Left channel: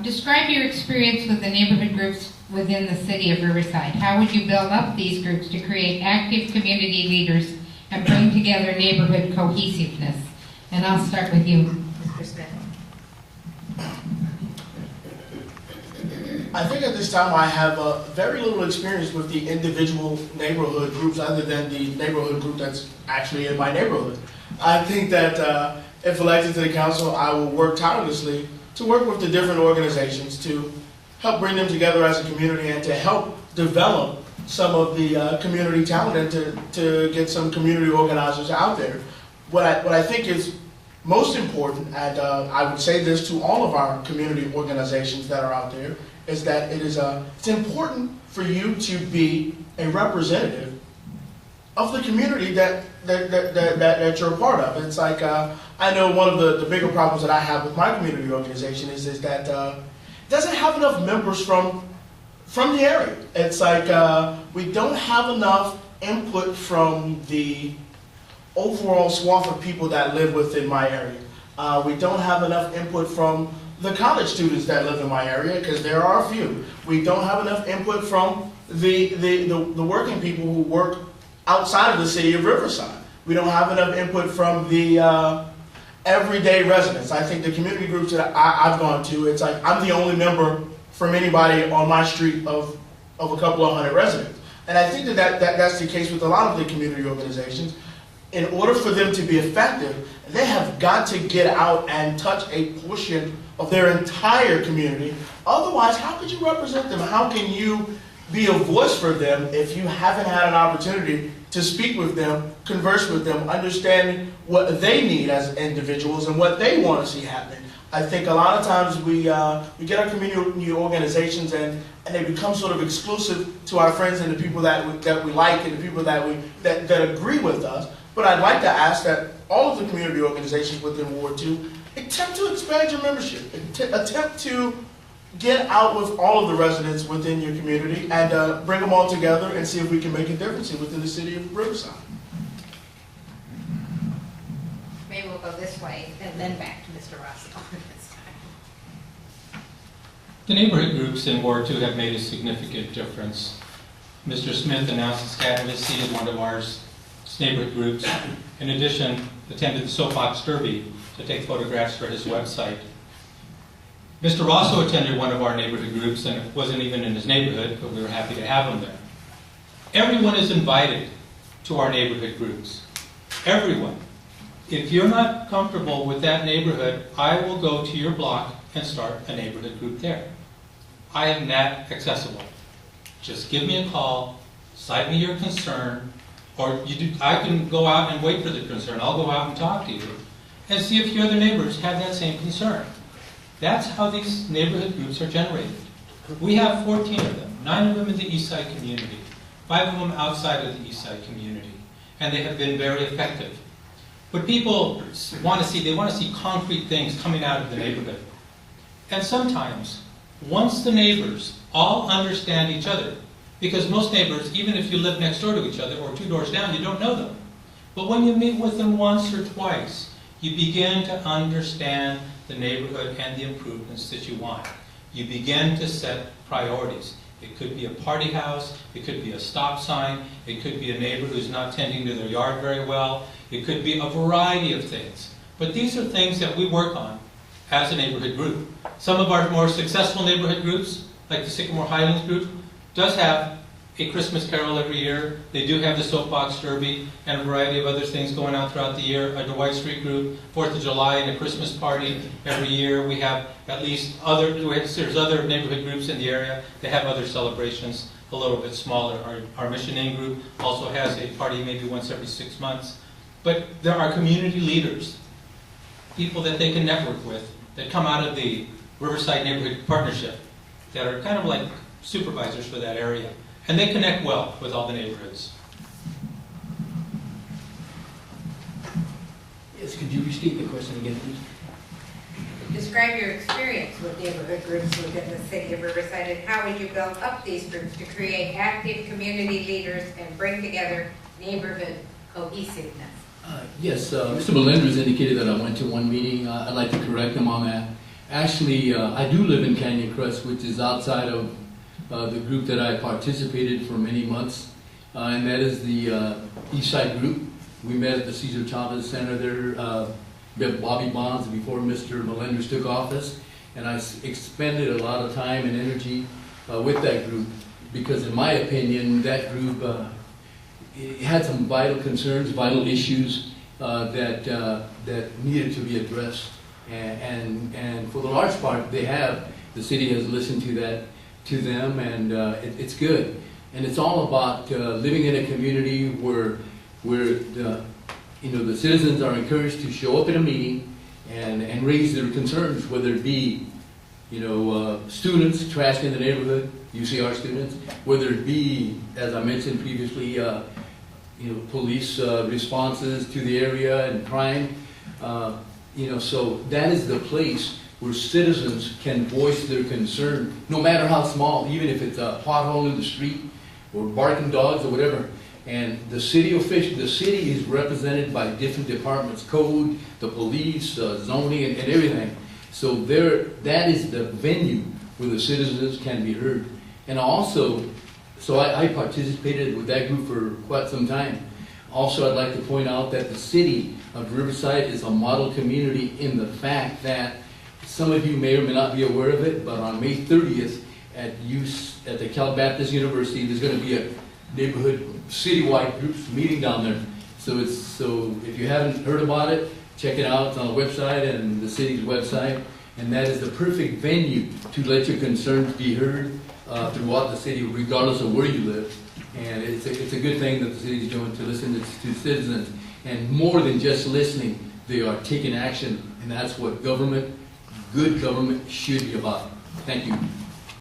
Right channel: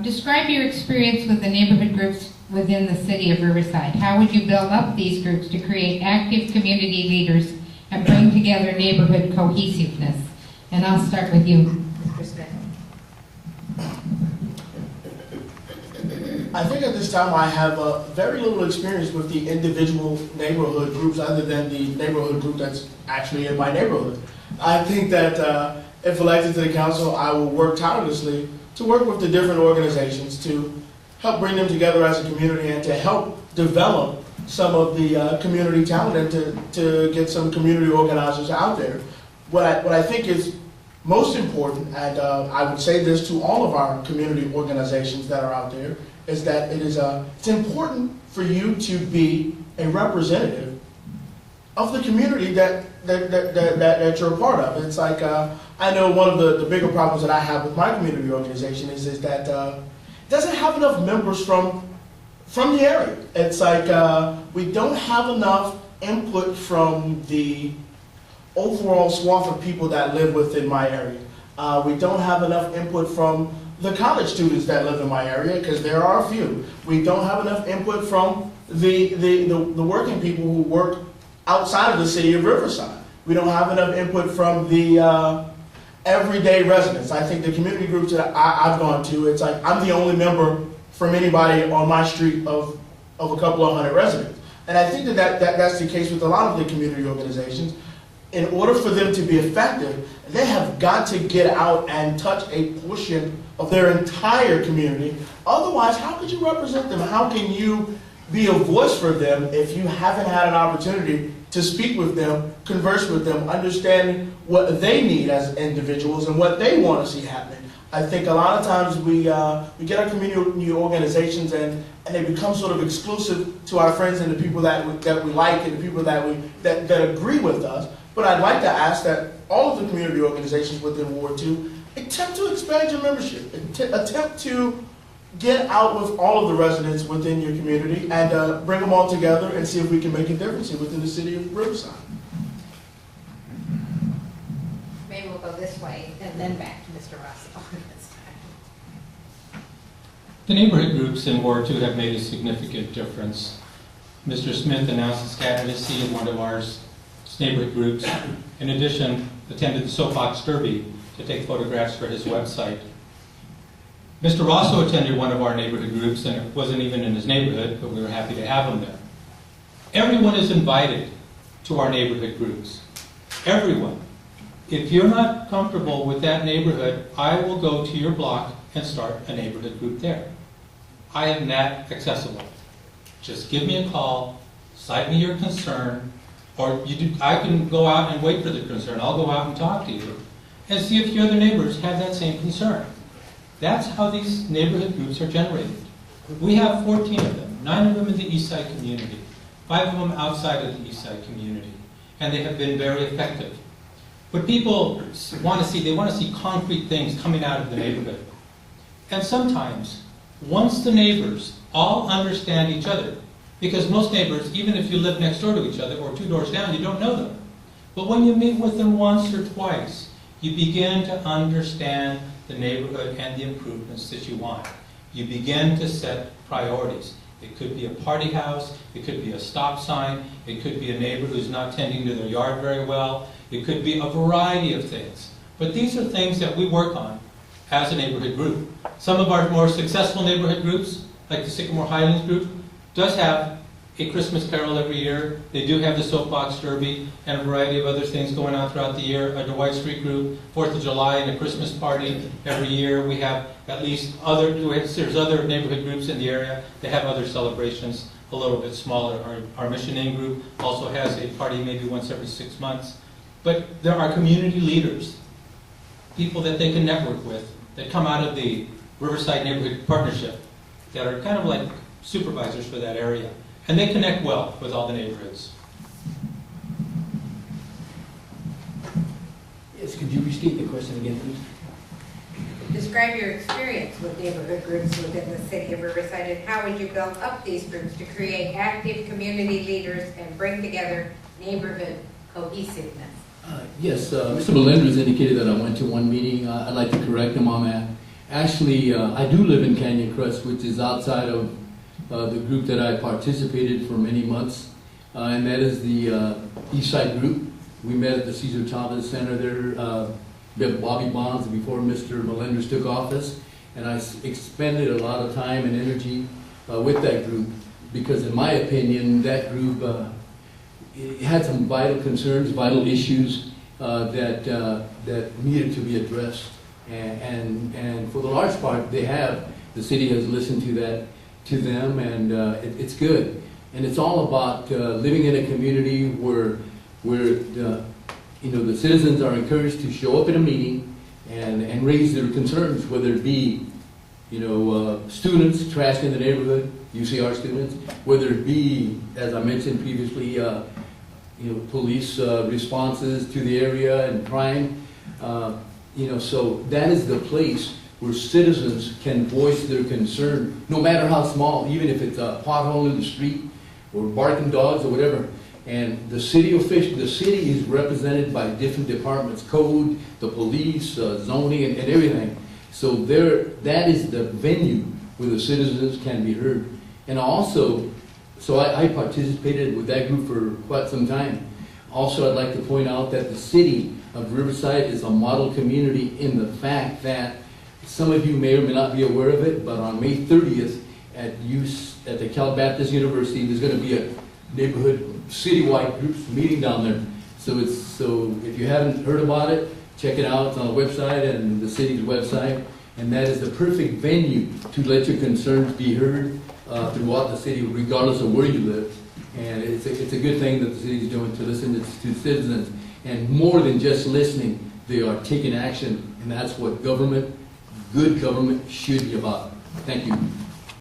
Describe your experience with the neighborhood groups within the city of Riverside. How would you build up these groups to create active community leaders and bring together neighborhood cohesiveness? And I'll start with you, Mr. Smith. I think at this time I have very little experience with the individual neighborhood groups other than the neighborhood group that's actually in my neighborhood. I think that if elected to the council, I will work tirelessly to work with the different organizations to help bring them together as a community and to help develop some of the community talent and to get some community organizers out there. What I think is most important, and I would say this to all of our community organizations that are out there, is that it's important for you to be a representative of the community that you're a part of. It's like, I know one of the bigger problems that I have with my community organization is that it doesn't have enough members from the area. It's like we don't have enough input from the overall swath of people that live within my area. We don't have enough input from the college students that live in my area, because there are a few. We don't have enough input from the working people who work outside of the city of Riverside. We don't have enough input from the everyday residents. I think the community groups that I've gone to, it's like I'm the only member from anybody on my street of a couple of hundred residents. And I think that's the case with a lot of the community organizations. In order for them to be effective, they have got to get out and touch a portion of their entire community. Otherwise, how could you represent them? How can you be a voice for them if you haven't had an opportunity to speak with them, converse with them, understand what they need as individuals and what they want to see happening? I think a lot of times we get our community organizations and they become sort of exclusive to our friends and the people that we like and the people that agree with us. But I'd like to ask that all of the community organizations within Ward 2 attempt to expand your membership, attempt to get out with all of the residents within your community and bring them all together and see if we can make a difference within the city of Riverside. Maybe we'll go this way and then back to Mr. Rossi. The neighborhood groups in Ward 2 have made a significant difference. Mr. Smith announced his candidacy in one of our neighborhood groups. In addition, attended the Soapbox Derby to take photographs for his website. Mr. Rosso attended one of our neighborhood groups, and it wasn't even in his neighborhood, but we were happy to have him there. Everyone is invited to our neighborhood groups. Everyone. If you're not comfortable with that neighborhood, I will go to your block and start a neighborhood group there. I am that accessible. Just give me a call, cite me your concern, or I can go out and wait for the concern. I'll go out and talk to you and see if your other neighbors have that same concern. That's how these neighborhood groups are generated. We have 14 of them, 9 of them in the East Side community, 5 of them outside of the East Side community, and they have been very effective. But people want to see concrete things coming out of the neighborhood. And sometimes, once the neighbors all understand each other, because most neighbors, even if you live next door to each other or 2 doors down, you don't know them. But when you meet with them once or twice, you begin to understand the neighborhood and the improvements that you want. You begin to set priorities. It could be a party house, it could be a stop sign, it could be a neighbor who's not tending to their yard very well, it could be a variety of things. But these are things that we work on as a neighborhood group. Some of our more successful neighborhood groups, like the Sycamore Highlands group, does have a Christmas carol every year. They do have the Soapbox Derby and a variety of other things going on throughout the year. A Dwight Street group, 4th of July and a Christmas party every year. We have at least there's other neighborhood groups in the area that have other celebrations a little bit smaller. Our Mission Inn group also has a party maybe once every 6 months. But there are community leaders, people that they can network with, that come out of the Riverside Neighborhood Partnership, that are kind of like supervisors for that area. And they connect well with all the neighborhoods. Yes, could you restate the question again, please? Describe your experience with neighborhood groups within the city of Riverside, and how would you build up these groups to create active community leaders and bring together neighborhood cohesiveness? Yes, Mr. Melendrez indicated that I went to one meeting. I'd like to correct him on that. Actually, I do live in Canyon Crest, which is outside of the group that I participated for many months, and that is the East Side group. We met at the Cesar Chavez Center there, with Bobby Bonds before Mr. Melendez took office, and I expended a lot of time and energy with that group because, in my opinion, that group it had some vital concerns, vital issues that needed to be addressed. And for the large part, they have. The city has listened to them, and it's good. And it's all about living in a community where the citizens are encouraged to show up at a meeting and raise their concerns, whether it be students trash in the neighborhood, UCR students, whether it be, as I mentioned previously, police responses to the area and crime. So that is the place where citizens can voice their concern, no matter how small, even if it's a pothole in the street or barking dogs or whatever. And the city is represented by different departments, code, the police, zoning, and everything. So that is the venue where the citizens can be heard. And also, I participated with that group for quite some time. Also, I'd like to point out that the city of Riverside is a model community in the fact that some of you may or may not be aware of it, but on May 30th at the Cal Baptist University, there's going to be a neighborhood citywide groups meeting down there. So if you haven't heard about it, check it out. It's on the website and the city's website, and that is the perfect venue to let your concerns be heard throughout the city, regardless of where you live. And it's a good thing that the city is doing to listen to citizens, and more than just listening, they are taking action, and that's what good government should be about. Thank you.